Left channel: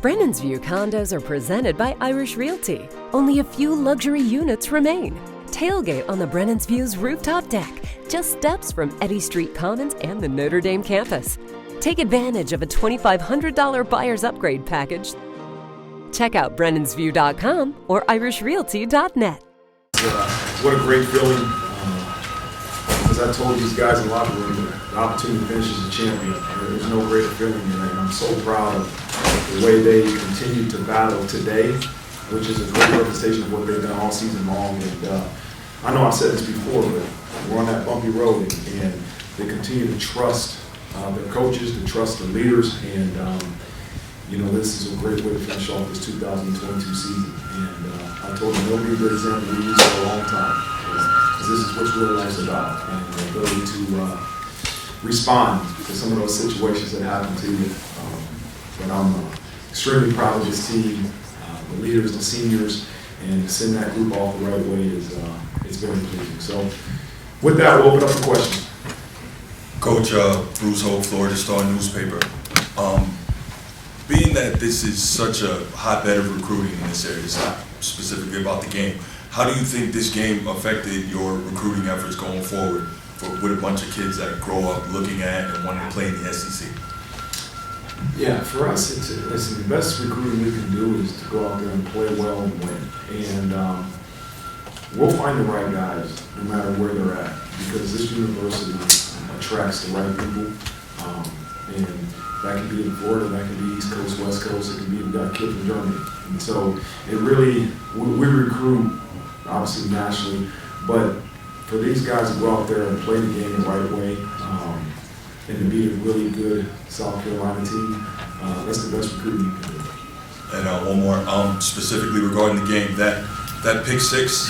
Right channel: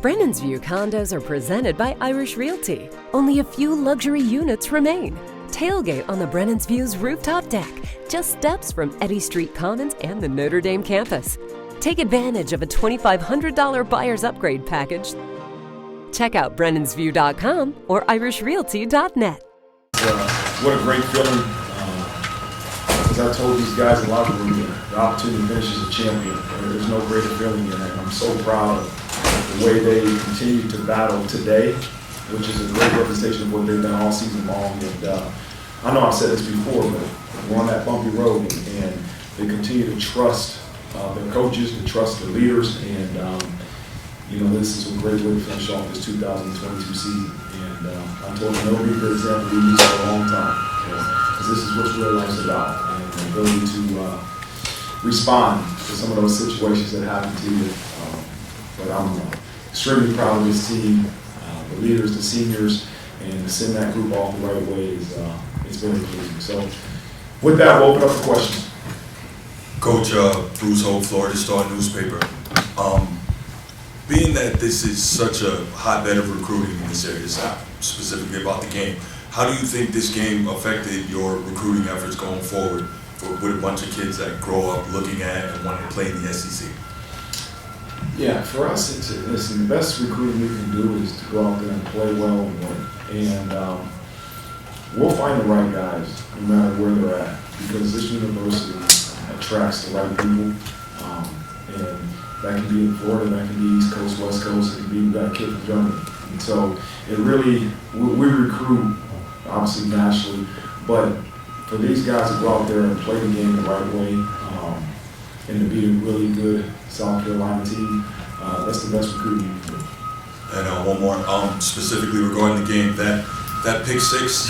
Brennan's View condos are presented by Irish Realty. Only a few luxury units remain. Tailgate on the Brennan's View's rooftop deck, just steps from Eddy Street Commons and the Notre Dame campus. Take advantage of a $2,500 buyer's upgrade package. Check out brennansview.com or irishrealty.net. What a great feeling. As I told these guys in the locker room, the opportunity to finish as a champion, there's no greater feeling, and I'm so proud of the way they continue to battle today, which is a great representation of what they've done all season long. And I know I've said this before, but we're on that bumpy road, and they continue to trust their coaches, to trust their leaders, and this is a great way to finish off this 2022 season. And I told them they'll be the example we use for a long time, because this is what real life's about, and the ability to respond to some of those situations that happen to you. But I'm extremely proud of this team, the leaders, the seniors, and to send that group off the right way is it's very pleasing. So with that, we'll open up for questions. Coach, Bruce Holt, Florida Star newspaper. Being that this is such a hotbed of recruiting in this area, it's not specifically about the game, how do you think this game affected your recruiting efforts going forward with a bunch of kids that grow up looking at and wanting to play in the SEC? Yeah, for us, listen, the best recruiting we can do is to go out there and play well and win. And we'll find the right guys no matter where they're at, because this university attracts the right people. And that can be in Florida, that can be East Coast, West Coast, it can be, we've got a kid from Germany. And so it really, we recruit, obviously nationally, but for these guys to go out there and play the game the right way, and to beat a really good South Carolina team, that's the best recruiting you can do. And one more, specifically regarding the game, that pick six,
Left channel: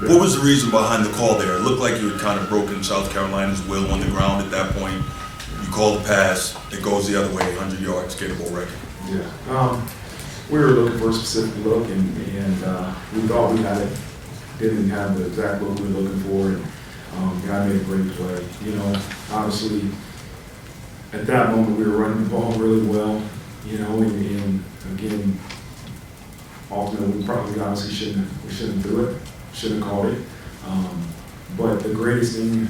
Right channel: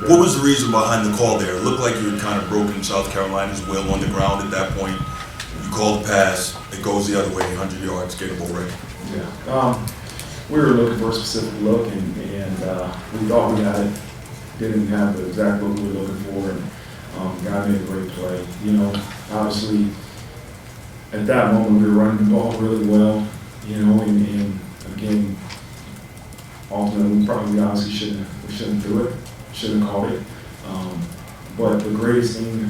what was the reason behind the call there? It looked like you had kind of broken South Carolina's will on the ground at that point. You call the pass, it goes the other way, 100 yards, get a ball right. Yeah. We were looking for a specific look, and we thought we had it. Didn't have the exact look we were looking for, and the guy made a great play. Obviously, at that moment we were running the ball really well, and again, ultimately we probably obviously shouldn't do it, shouldn't have called it. But the greatest thing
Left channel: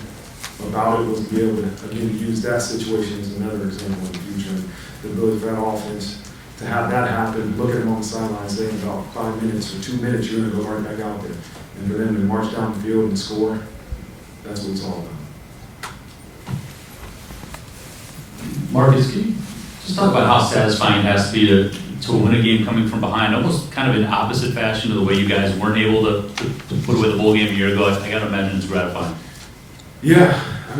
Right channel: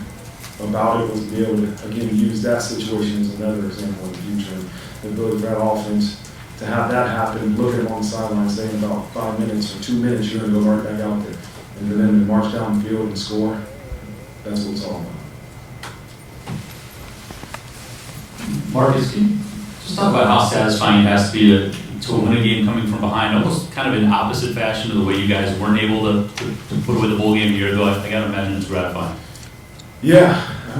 about it was to be able to, again, use that situation as another example in the future. And the ability for that offense to have that happen, look at them on the sideline, say in about 5 minutes or 2 minutes, you're going to go right back out there. And for them to march down the field and score, that's what it's all about. Marcus, can you just talk about how satisfying it has to be to win a game coming from behind, almost kind of in opposite fashion of the way you guys weren't able to put away the bowl game a year ago? I got to imagine it's gratifying. Yeah, I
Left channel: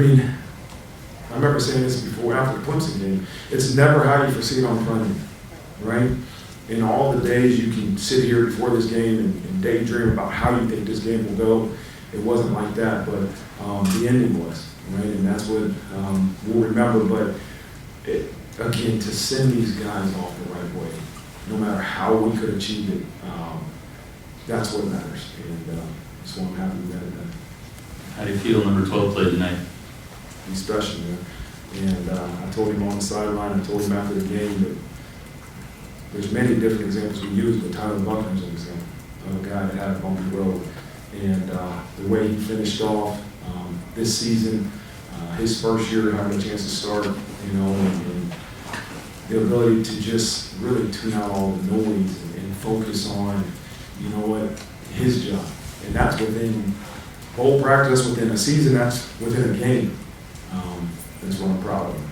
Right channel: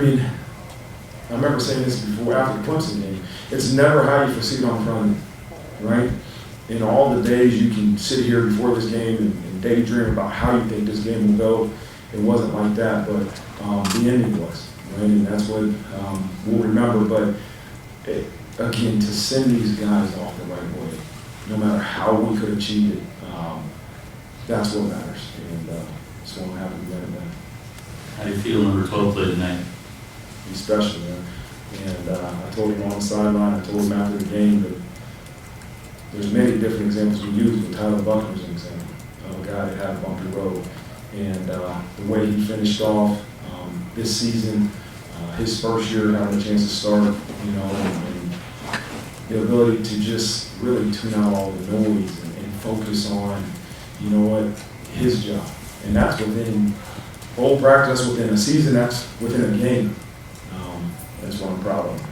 remember saying this before, after the Clemson game. It's never how you foresee it on the front end, right? In all the days you can sit here before this game and daydream about how you think this game will go, it wasn't like that, but the ending was, right? And that's what we'll remember. But again, to send these guys off the right way, no matter how we could achieve it, that's what matters. And so I'm happy we got it done. How do you feel number 12 played tonight? He's special, man. And I told him on the sideline, I told him after the game that there's many different examples we use, but Tyler Buckner's an example of a guy that had a bumpy road. And the way he finished off this season, his first year having a chance to start, and the ability to just really tune out all the noise and focus on, his job. And that's within bowl practice, within a season, that's within a game. That's what I'm proud of.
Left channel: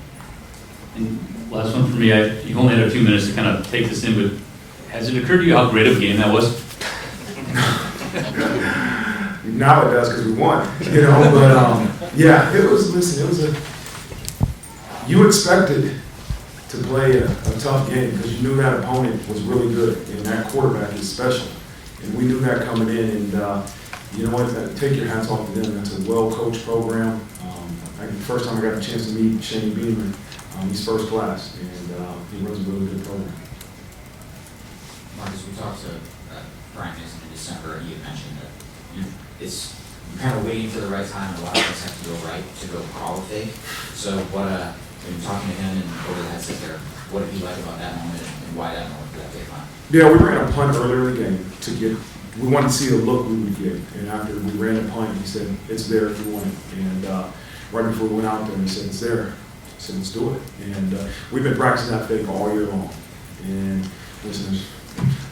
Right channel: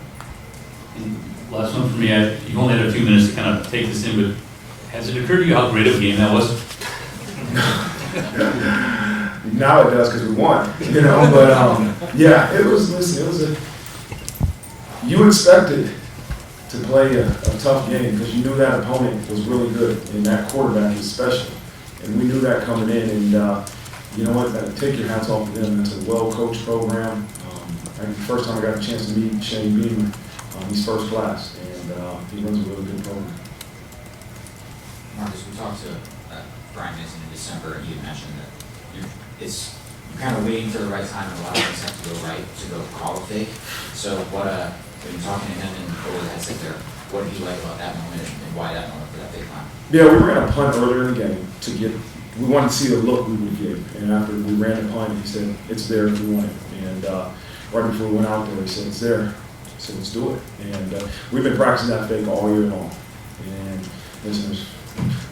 Last one for me. You've only had a few minutes to kind of take this in, but has it occurred to you how great of a game that was? Now it does because we won, But yeah, it was. Listen, it was you expected to play a tough game because you knew that opponent was really good and that quarterback is special, and we knew that coming in. And you know what? Take your hats off to them. That's a well-coached program. The first time I got the chance to meet Shane Beamer, he's first class, and he runs a really good program. Marcus, we talked to Brian Mason in December. He had mentioned that you're kind of waiting for the right time, and a lot of things have to go right to go call a fake. So when talking to him and what had said there, what did you like about that moment and why that moment for that big time? Yeah, we ran a punt earlier in the game we wanted to see the look we would get. And after we ran the punt, he said, it's there if you want it. And right before we went out there, he said, it's there. I said, let's do it. And we've been practicing that fake all year long. And listen, there's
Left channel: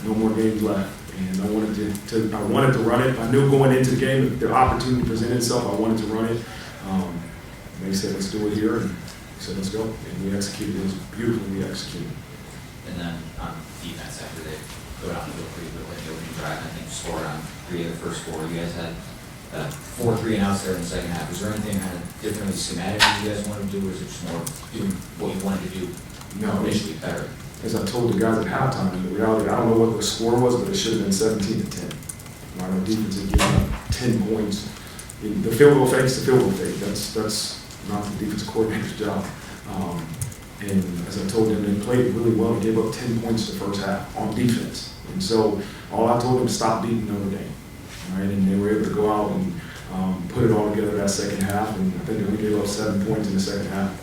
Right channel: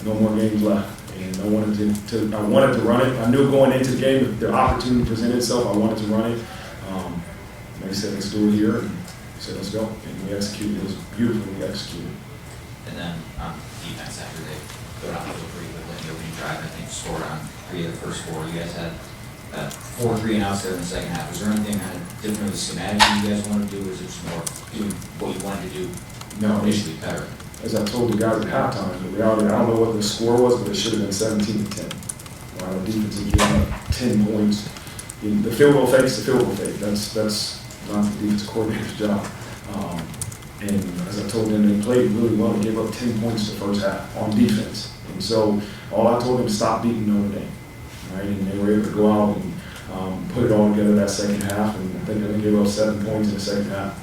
no more games left. And I wanted to run it. I knew going into the game, if the opportunity presented itself, I wanted to run it. They said, let's do it here. And he said, let's go. And we executed. It was beautifully executed. And then on defense, after they go down a little pretty quickly, opening drive, and I think scored on 3 of the first 4. You guys had 4 3-and-outs there in the second half. Was there anything kind of different with the schematic that you guys wanted to do, or is it just more doing what you wanted to do? No, They should be better. as I told the guys at halftime, the reality, I don't know what the score was, but it should have been 17-10. Right? Our defense had given up 10 points. The field goal fake is the field goal fake. That's not the defensive coordinator's job. And as I told them, they played really well and gave up 10 points the first half on defense. And so all I told them, stop beating Notre Dame. Right? And they were able to go out and put it all together that second half. And I think they only gave up 7 points in the second half.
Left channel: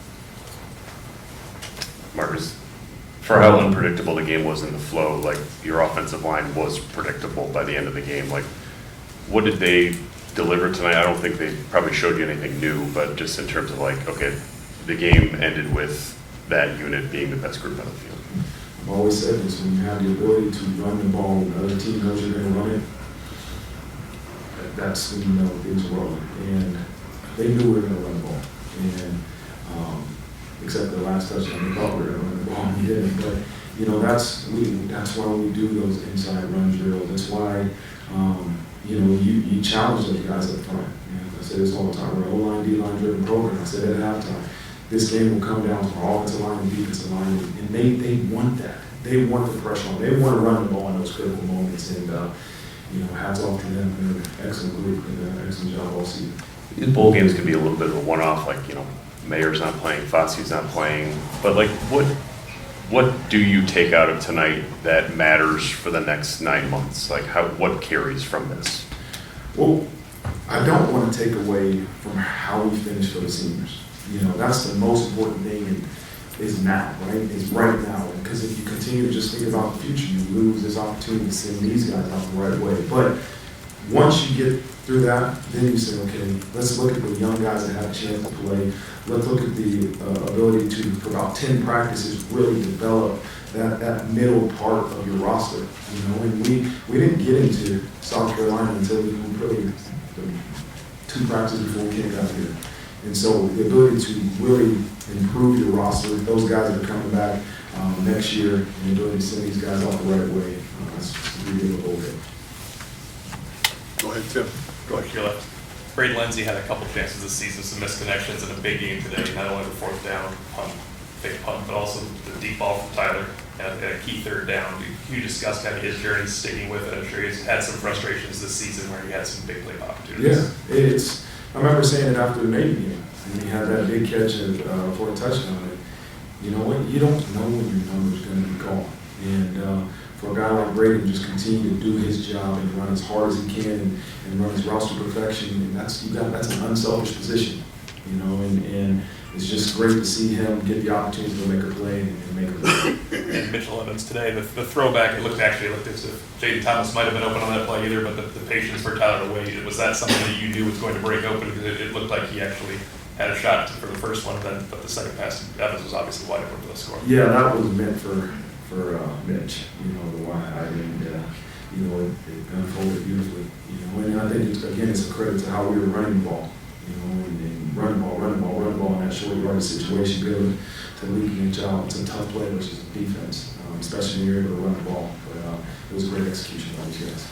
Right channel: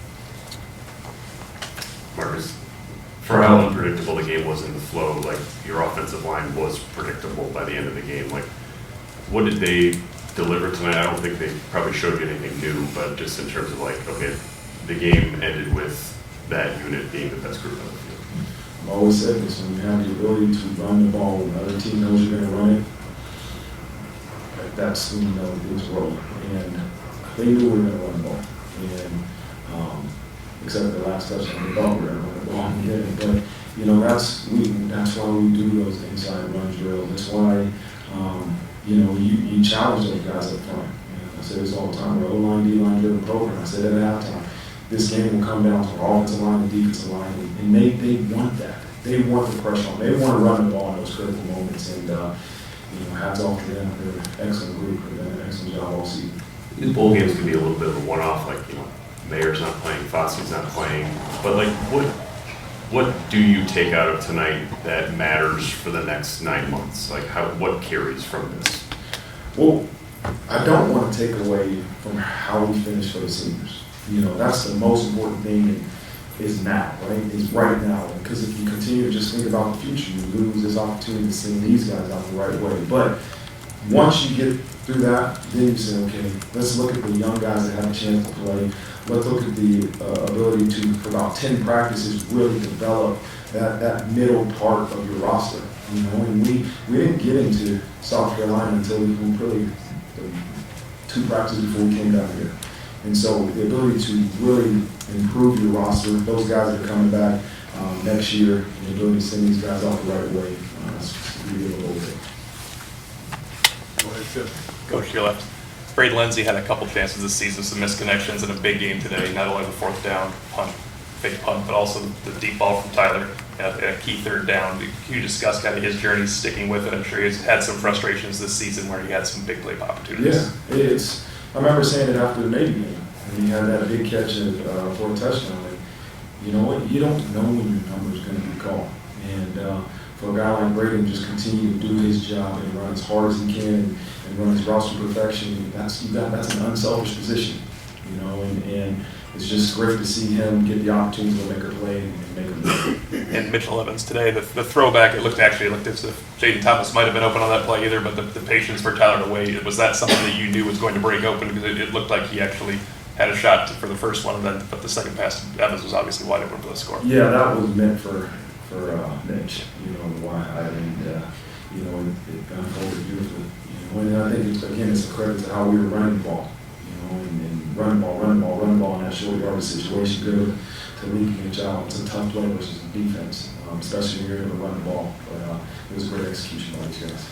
Marcus, for how unpredictable the game was in the flow, like your offensive line was predictable by the end of the game. Like, what did they deliver tonight? I don't think they probably showed you anything new, but just in terms of like, okay, the game ended with that unit being the best group on the field. I've always said this, when you have the ability to run the ball, when another team knows you're going to run it, that's when you know things are rolling. And they knew we were going to run the ball. And except for the last touchdown, we thought we were going to run the ball, and we didn't. But you know, that's why we do those inside run drills. That's why you challenge those guys up front. I say this all the time. We're an O-line, D-line driven program. I said that at halftime. This game will come down to our offensive line and defensive line, and they want that. They want the pressure on. They want to run the ball in those critical moments. And hats off to them. They're an excellent group. They've done an excellent job all season. These bowl games can be a little bit of a one-off, like, Mayer's not playing, Fotzi's not playing, but like, what do you take out of tonight that matters for the next 9 months? Like, what carries from this? Well, I don't want to take away from how we finish for the seniors. That's the most important thing is now, right? Is right now. Because if you continue to just think about the future, you lose this opportunity to send these guys out the right way. But once you get through that, then you say, okay, let's look at the young guys that have a chance to play. Let's look at the ability to, for about 10 practices, really develop that middle part of your roster. And we didn't get into South Carolina until really 2 practices before we came down here. And so the ability to really improve your roster, those guys that are coming back next year, and the ability to send these guys out the right way, that's the beauty of the bowl game. Go ahead, Tim. Coach, to your left. Braden Lindsey had a couple chances this season, some misconnections, and a big game today. Not only the 4th down fake punt, but also the deep ball from Tyler and a key 3rd down. Can you discuss kind of his journey sticking with it? I'm sure he's had some frustrations this season where he had some big play opportunities. Yeah, I remember saying it after the Navy game when he had that big catch for a touchdown. And you know what? You don't know when your number is going to be called. And for a guy like Braden, just continue to do his job and run as hard as he can and run his routes to perfection. And that's an unselfish position, and it's just great to see him get the opportunity to go make a play and make a play. And Mitchell Evans today, the throwback, it looked as if Jaden Thomas might have been open on that play either, but the patience for Tyler to wait, was that something that you knew was going to break open? Because it looked like he actually had a shot for the first one, but the second pass to Evans was obviously wide open for the score. Yeah, that was meant for Mitch, the wide, and it unfolded beautifully, and I think it's a credit to how we were running the ball, and run the ball in that short yardage situation, be able to leak Mitch out. It's a tough play versus defense, especially when you're able to run the ball, but it was a great execution by these guys.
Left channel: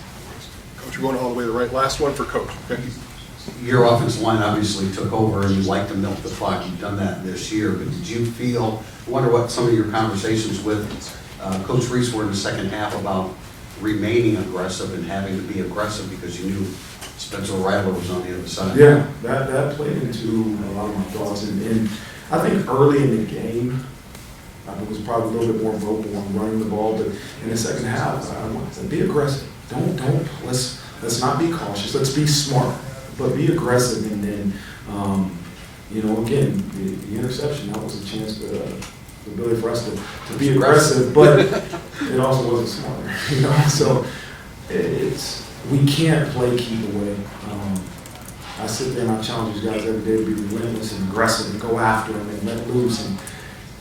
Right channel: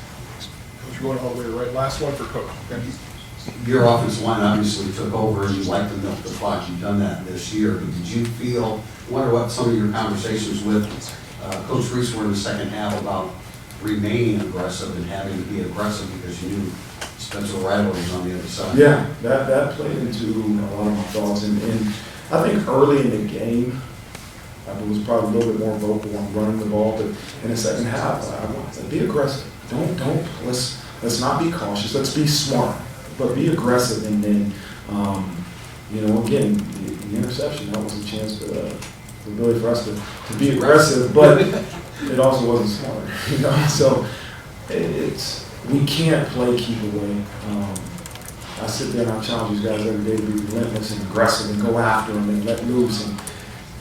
Coach, you're going all the way to the right. Last one for Coach. Okay. Your offensive line obviously took over and you like to milk the clock. You've done that this year, but did you feel, I wonder what some of your conversations with Coach Reese were in the second half about remaining aggressive and having to be aggressive because you knew Spencer Rattler was on the other side? Yeah, that played into a lot of my thoughts. And I think early in the game, I was probably a little bit more vocal on running the ball. But in the second half, I want to be aggressive. Let's not be cautious. Let's be smart, but be aggressive. And then, again, the interception, that was a chance to the ability for us to be aggressive, but it also wasn't smart, you know. So we can't play keep away. I sit there and I challenge these guys every day to be relentless and aggressive and go after them and let loose. And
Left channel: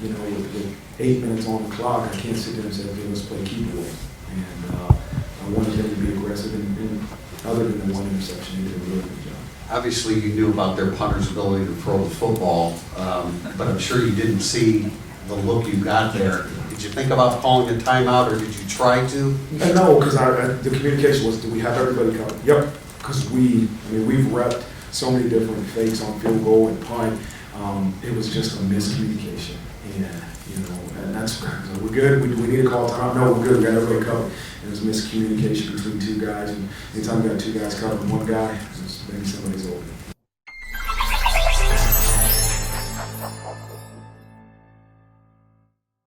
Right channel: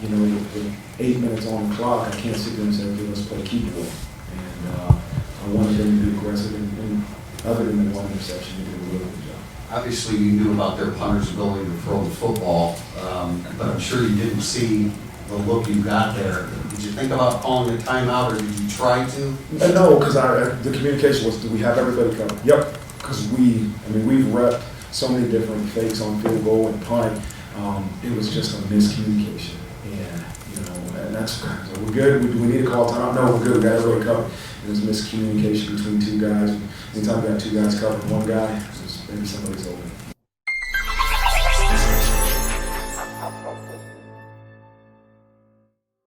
you know, with 8 minutes on the clock, I can't sit there and say, okay, let's play keep away. And I wanted them to be aggressive. And other than the one interception, they did a really good job. Obviously, you knew about their punter's ability to throw the football, but I'm sure you didn't see the look you got there. Did you think about calling a timeout, or did you try to? No, because the communication was, do we have everybody covered? Yep, because we've repped so many different fakes on field goal and punt. It was just a miscommunication, and you know, and that's we're good. Do we need to call a timeout? No, we're good. We got everybody covered. It was miscommunication between two guys. And anytime you got two guys covering one guy, maybe somebody's open.